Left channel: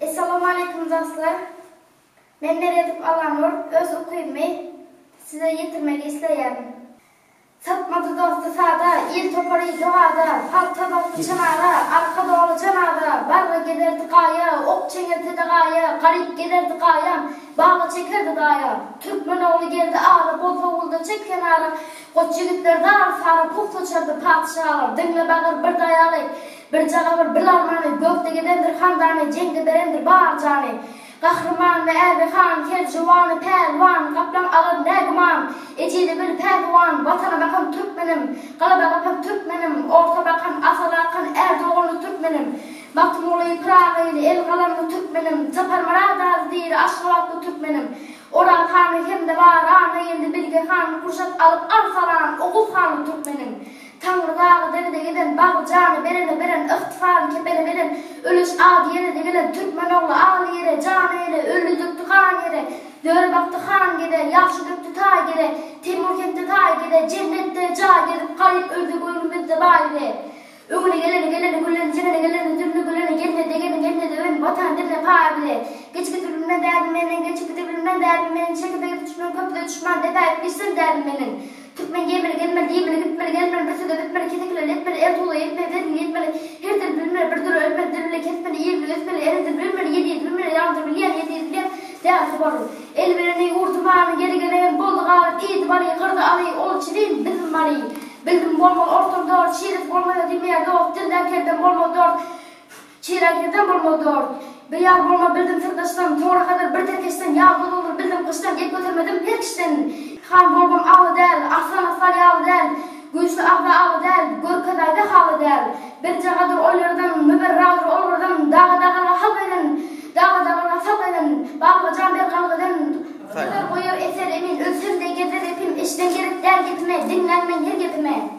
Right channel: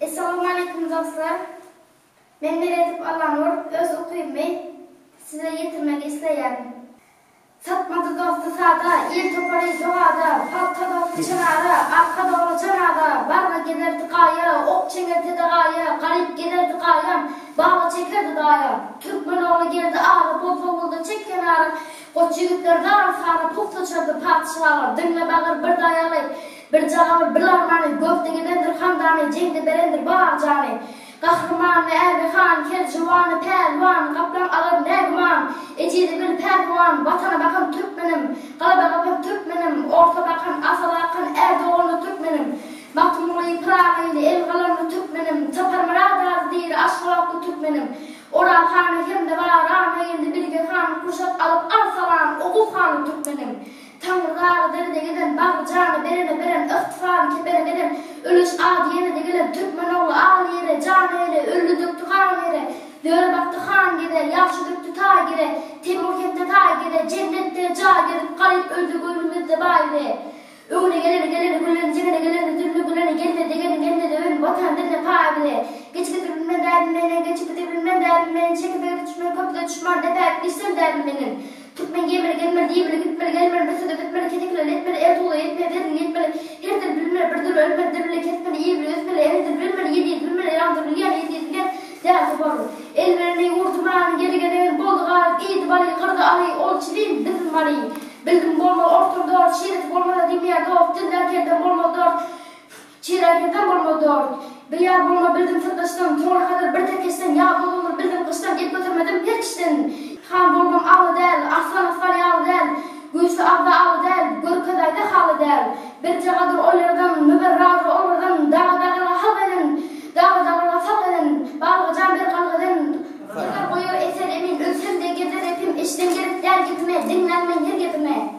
Esselamu Aleyküm dostlar. Ben Meryem Alanur, öz okuyumu size getirmek isteyen. Satmadı dostu sağda, il toparı doğada, halka dostu çanara, arka doğru canada, barra giderdi kaya, ok çekerdi dağaya, garip giderdi kaya, bağla çekerdi dağaya. Türkmen oğlu geldi ağrı, bozuldu çek kenara, koç yigitler dağır sarı, puf saçardı padişahlar, dinle bağır bir dayalı, bir canavar, bir larmanı, gökte gidendir handanı, cemde berendir bağır canı. Kahraman ve erbi han, kercivanı, pervan, kaplan ağır negman, ecili bir pervan, vatana bakan Türkmenim, kalaba bakan Türkmenim, orta bakan asalakan Erdoğanlı Türkmenim, Matmulu Prağı'yla el kalanlı Türkmenim, Zapar Maradaz değil aşılatlı Türkmenim, Oral hanı hem de var, ana geldi bilge han, kuşat alıp arsalan, Oğuz hanı Türkmenim. Tanrı dağı derede giden, bağlı canı berene beren, ıhtifarı kepene beren, ölüş adi yere de gelen, Türkmen oğlu ağlı yere, canı yere, ölü döktü kan yere, döre baktı kan gider, yaxşı döktü ta gire, Timur kente ta gire, cennette ca gelip, kayıp öldü gönlümüzde bayre. Öğüne geleni, güleni, cenene geleni, dürlü güleni, gelmedi, ön vatan diline payre. Geçip birbirine derdimenin, geçip birbirine derdimenin, çekip düşman, köprüde düşman, defayet bilsin derdimenin. Türkmen gelmeli, gitmeli, besede bitmeli, ketekleri etmeli, ertuğlu yetmeli, her dil bilinir, bir duru ölmeli, dirili kesmeli, iyiliği ötmeli, eridir bilinmeli, yediği bilmeli, yandır bilen, yediği bilen, değerli varlı. El vereni, vurdumanı, geri gelen, bolu ağır, iyiydi bari, kırdı alayı, ol çilin, bizim marayı. Bildim bolmalı, ortam doğru, şiirif bolmalı, demeye doğru, dilden kerden bolmalı doğru, çiğrenkerden bolmalı doğru. Bir yağ bolma bildim sırdaştan, toğra kadar bir terkeşten, yağ bol olur, bildim kıştan, et götürmedim her kişiden. Han bolmam ağlı del, aslan yağlı del, güçlü ağlı del, görkedayda halı del. Bir cağadır oylardan, müberradır olurdan, dağa hal edin, dağa sal edin, bağlı can bir kalk edin. Öder koyur eser emin, ölsün de gezer epim, işten gerek der gitme, dinlenme yer gitme.